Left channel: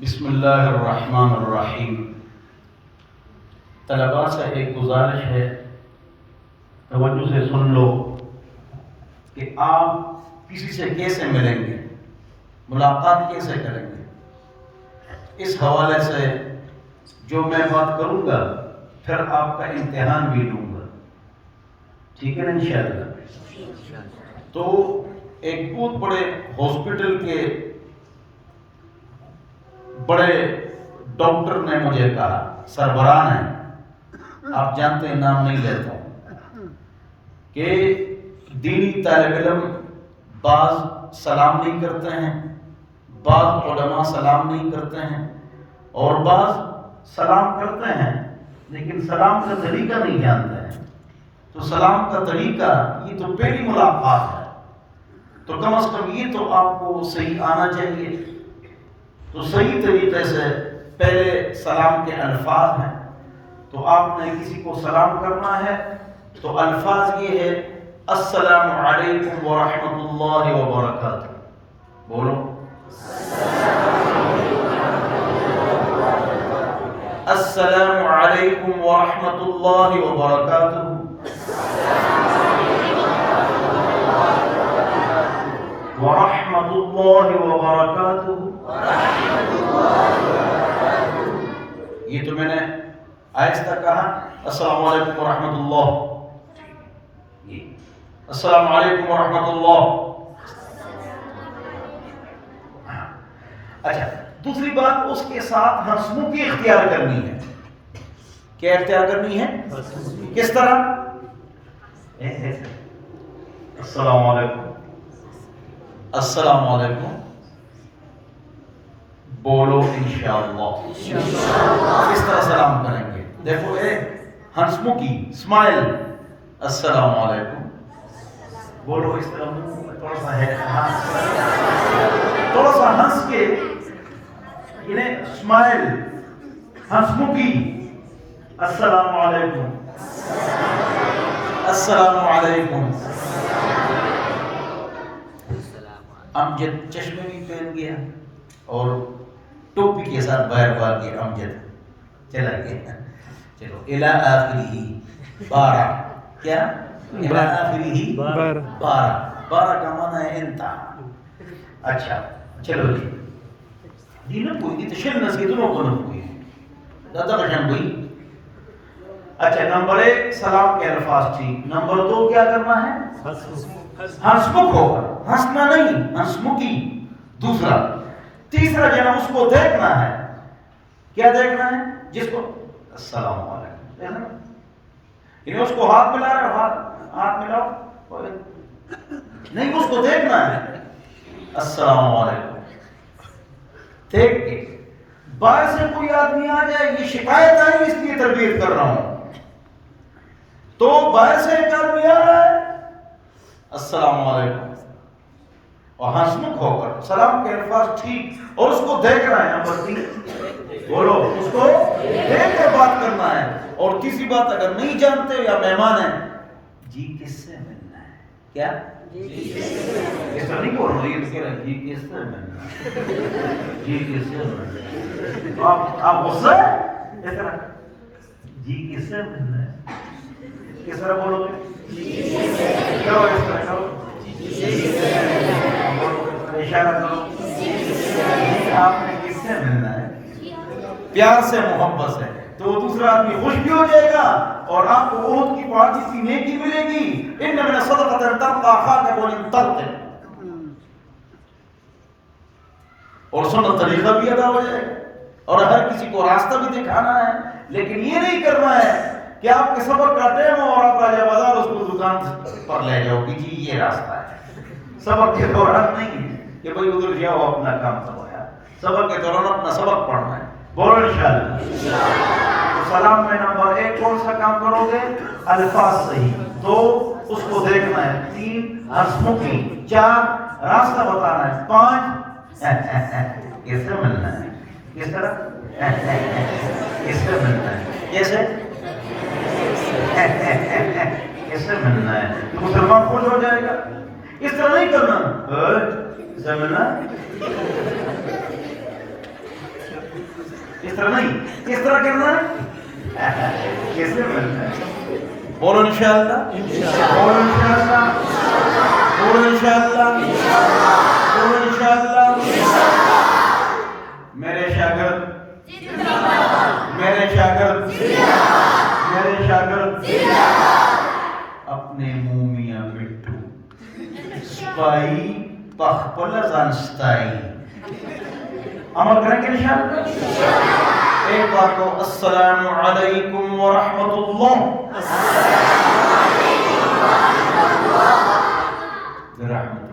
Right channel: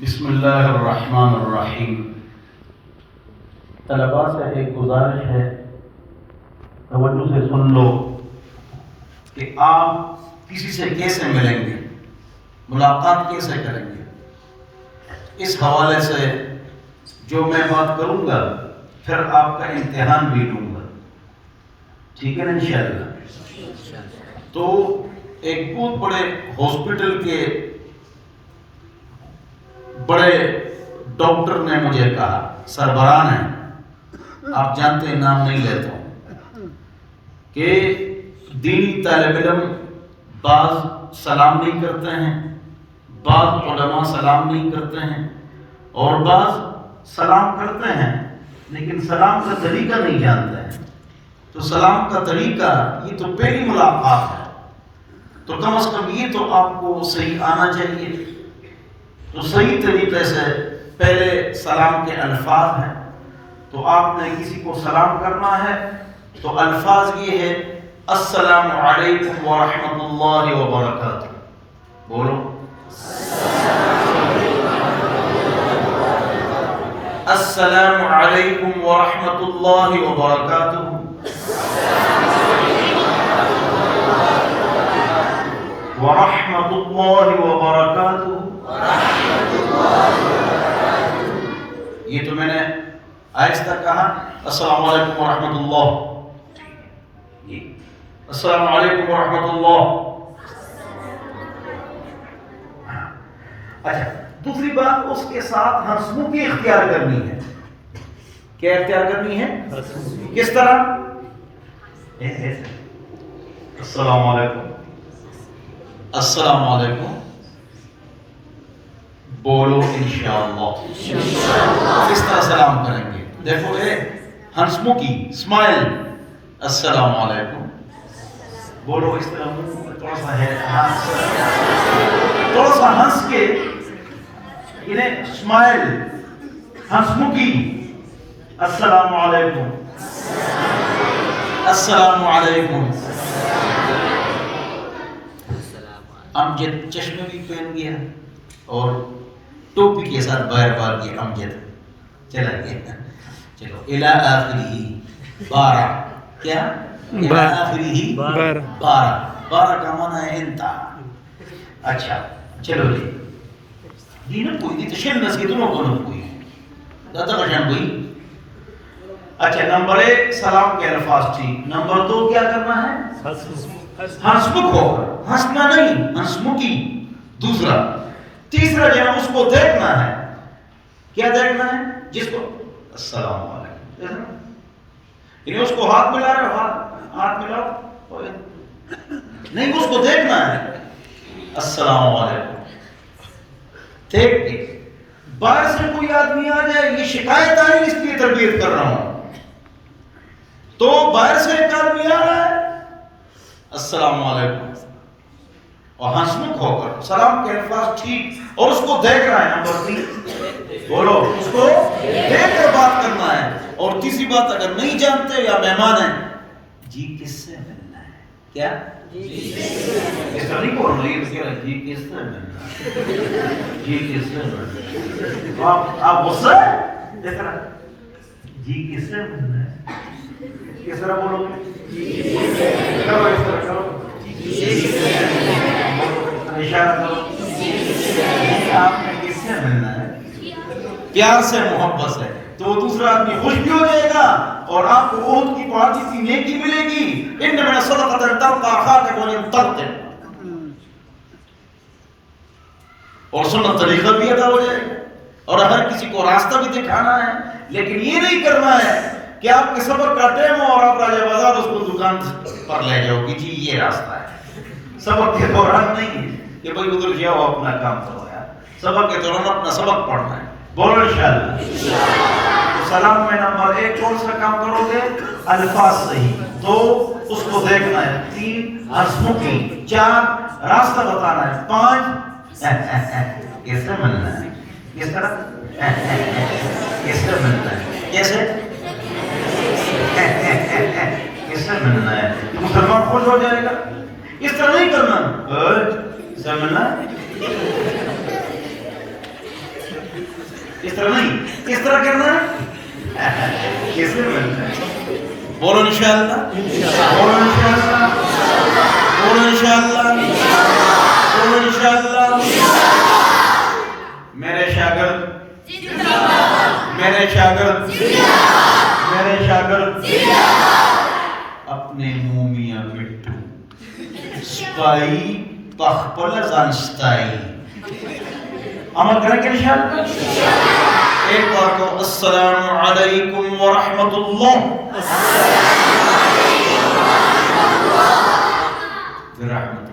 بسم اللہ الرحمن الرحیم۔ طلباء سے ایک گزارش ہے، توجہ سے سن لو کہ آپ کسی سے کیسے ملیں گے، ملاقات کیسے کریں گے۔ اس حوالے سے جو میں بات کروں گا پھر آپ کا امتحان بھی لوں گا، ٹھیک ہے نا انشاءاللہ۔ تو ایک بہت بڑے ہاسپٹل کے بڑے ڈاکٹر نے مجھے کہا، سربراہ ہیں، آپ جانتے ہیں نام نہیں لیتا ہوں، کہ دینی طالب علم بعض سلام نہیں کرتے ہیں، بعض علماء سلام نہیں کرتے ہیں، اور بعض سلام کرتے ہیں لیکن سلام کا طریقہ نہیں جانتے ہیں۔ تو سلام کا طریقہ، یہ تو پہلی ملاقات ہے، تو کم از کم یہ تو آپ کو صحیح آنا چاہیے۔ تو صحیح طریقے سے پہلے سلام کے الفاظ ہیں، تو آپ نے کسی کو سلام کرنا ہے تو الفاظ یہ ہے، السلام علیکم ورحمۃ اللہ وبرکاتہ۔ بولو، السلام علیکم ورحمۃ اللہ وبرکاتہ۔ ورحمۃ اللہ وبرکاتہ۔ یہ تو میں نے آہستہ کہا، السلام علیکم ورحمۃ اللہ، السلام علیکم ورحمۃ اللہ۔ اچھا، دوسری بات، اس کے ساتھ ہنسمکھی اختیار کرنی ہے۔ کیا اختیار کرنی ہے؟ کس طرح؟ السلام علیکم، السلام علیکم، بولو انشاءاللہ۔ کس طرح سلام کریں گے؟ دیکھو، ہنسمکھی، اسمائل، السلام علیکم، بولو اس طرح، تھوڑا سا ہے، تھوڑا سا ہنس کے، انہیں اسمائل، ہنسمکھی، السلام علیکم، السلام علیکم۔ امجد چشمے بھی پہن گیا اور ٹوپی کے ساتھ باہر بار گیا، امجد چلا گیا۔ چلو، الی آخرہ 12، کیا؟ الی آخرہ 12 کا معنی ہے انتہا۔ اچھا چلو جی، یہ نہ کوئی تو شنس کی دونوں کو نہ کوئی دادا کا شن کوئی۔ اچھا، نمبر 1 سلام کے الفاظ ٹھیک، نمبر 2 کیا کرنا ہے؟ ہنسمکھ ہوگا، ہنسنا نہیں، ہنسمکھی۔ دوسرا، تیسرا جو ہے اس کو دیکھنا ہے۔ کیا دیکھنا ہے؟ جس کو السلام علیکم، یعنی اس کو ہاتھ ملا رہے ہو، ہاتھ ملاؤ نہیں، اس کو دیکھنا ہے، السلام علیکم۔ دیکھ کے باہر سے کوئی آدمی آ جائے، یہ شکایت آئی اس لیے تربیت کر رہا ہوں، تو باہر سے ایک آدمی آ رہا ہے، السلام علیکم، اور ہنسمکھ ہو کر سلام کے الفاظ ٹھیک، اور اس کو دیکھ رہا ہے۔ نمبر 3، بولو، اس کو دیکھ کر بات کرنا ہے۔ اور تیسری بات، اگر نہیں جانتے یا مہمان ہیں، جی کس سے ملنا ہے؟ کیا؟ اس طرح نہیں بول رہا، یہ کہہ رہا ہے جی کس سے ملنا ہے، جی کس سے ملنا ہے۔ آپ غصہ دیکھ رہا، جی کس سے ملنا ہے، کس طرح بولو گے؟ کرو اس طرح، کرو اشارہ کرو، آپ نے کس سے ملنا ہے، پیار سے، محبت سے، تو وہ دوسرا آدمی خوش بھی ہو جائے گا اور آپ کو احد کی پہاڑ جتنی نیکی ملے گی۔ ان میں صدقۃ تلقى اخاك بوجه طلق، اور سنت طریقہ بھی ادا ہو جائے گا، اور ہر کسی کو راستہ بھی دکھانا ہے۔ لیکن یہ نہیں کرنا ہے کہ آپ کے سفر کا ٹائم ہو اور آپ راجہ بازار اس کو دکان پر لے جاؤ کہ جی یہ راستہ ہے۔ سبق کے دوران نہیں کہ بھائی ادھر جاؤ اپنا کام کرو، یار سبق کے دوران اپنا سبق پڑھنا ہے۔ بولو انشاءاللہ۔ سلام میں نمبر 1 کون سا کام کرو گے؟ الفاظ صحیح، 2 اس کو دیکھنا ہے، 3 ہنسمکھی، 4 راستہ بتانا ہے، 5 کس سے ملنا ہے، کس طرح، کس سے ملنا ہے، کیسے، کس سے ملنا ہے، مسلمان خوش ہو جائے گا۔ اس طرح نہیں کرنا، کس سے ملنا ہے، اس طرح نہیں، اس طرح کرنا ہے، کیسے بنتا ہے؟ بولو انشاءاللہ، بولو انشاءاللہ، بولو انشاءاللہ، بولو انشاءاللہ۔ میرے شاگرد، میرے شاگرد، میرے شاگرد اپنے مومیاں مٹھو سپائی پخپل زنستائی عمل کریں گے انشاءاللہ۔ ایک بار کو السلام علیکم ورحمت اللہ، برحمت